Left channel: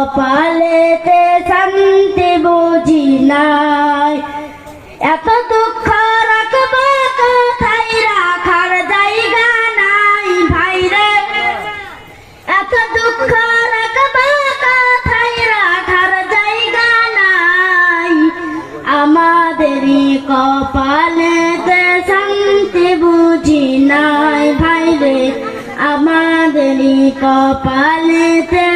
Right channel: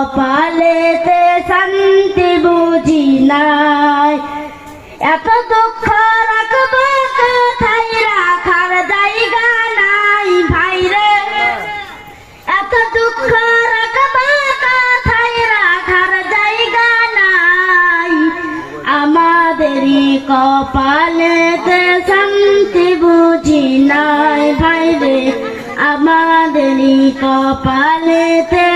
কপালেতে শান্তি বুঝি নাই। এত দুঃখ রাখবো কোথায়, রাখার জায়গা নাই ভাইরে। এত দুঃখ রাখবো কোথায়, রাখার জায়গা নাই। আমাদেরই কপালেতে শান্তি বুঝি নাই ভাইরে, আমাদেরই কপালেতে